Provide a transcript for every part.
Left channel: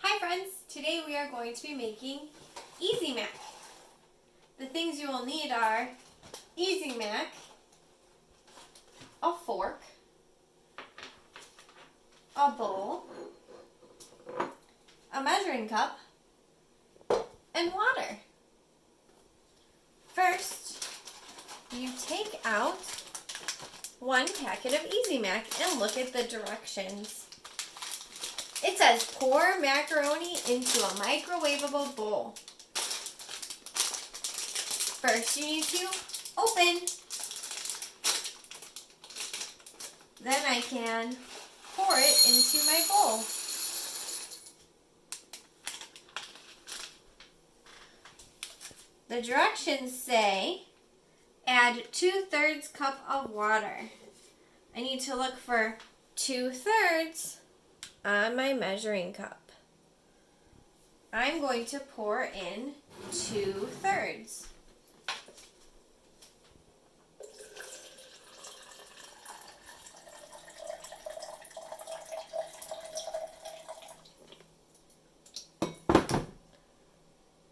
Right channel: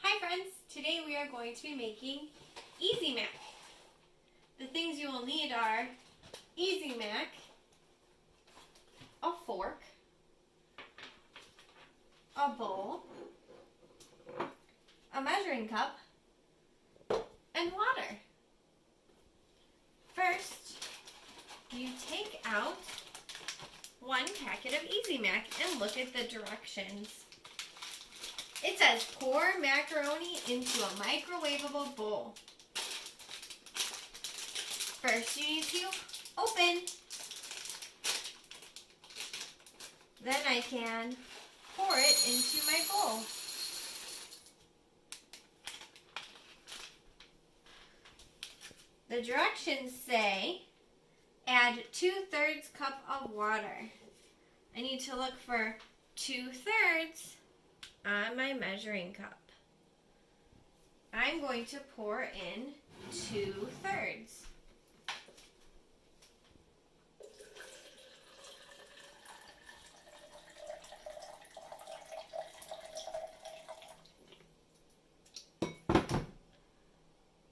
Hi friends, today we are going to be making Easy Mac. The things you will need are Easy Mac, a fork, a bowl, a measuring cup, and water. First, you take out one packet of Easy Mac and look at the directions. It says pour macaroni into a microwavable bowl. First you need to open. Then I can pour it into my bowl. The directions say add 2/3 cup of water. I need to look for 2/3 on my measuring cup. I'm going to pour in 2/3.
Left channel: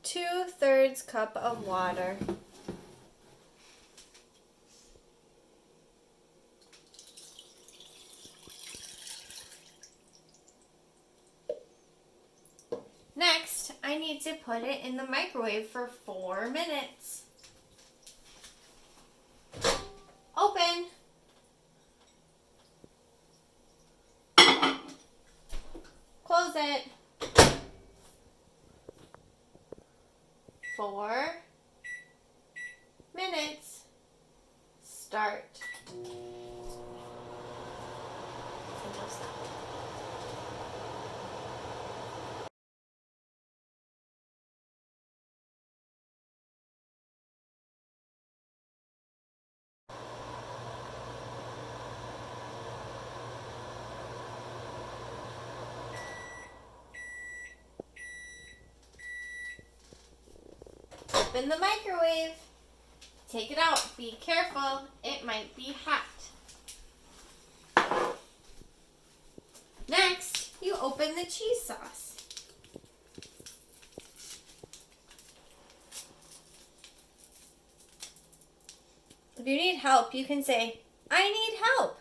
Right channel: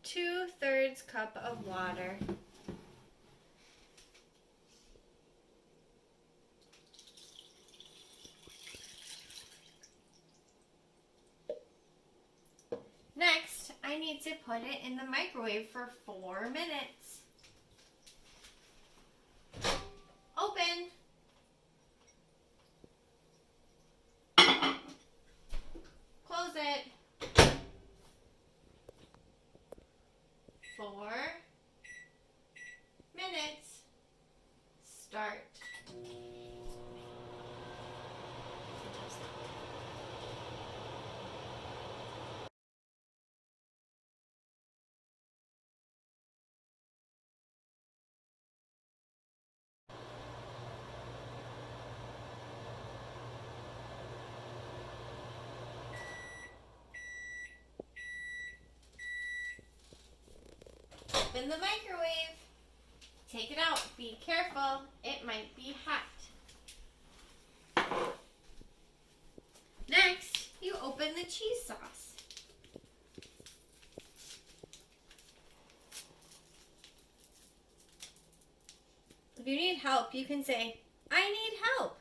Two-thirds cup of water. Next, I need to put it in the microwave for 4 minutes. Open. Close it. 4 minutes. Start. Open the microwave. Take it out. Be careful. It might be hot. Next, you open the cheese sauce. If you need help, you can say, "I need help."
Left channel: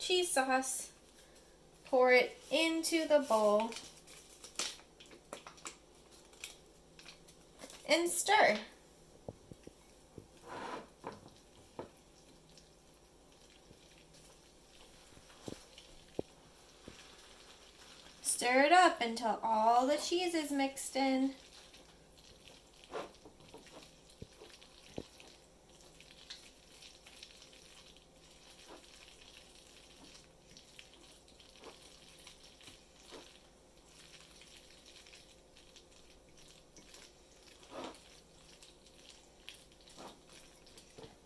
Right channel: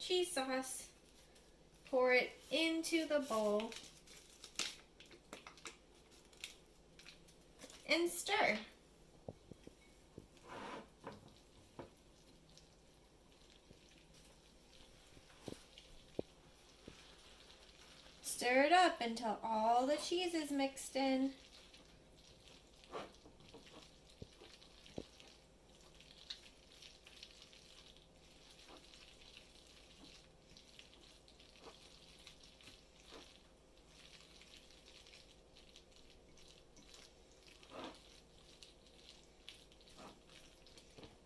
Cheese sauce. Pour it into the bowl. And stir. Stir it up until all the cheese is mixed in.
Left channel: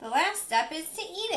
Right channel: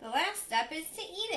The last step is to eat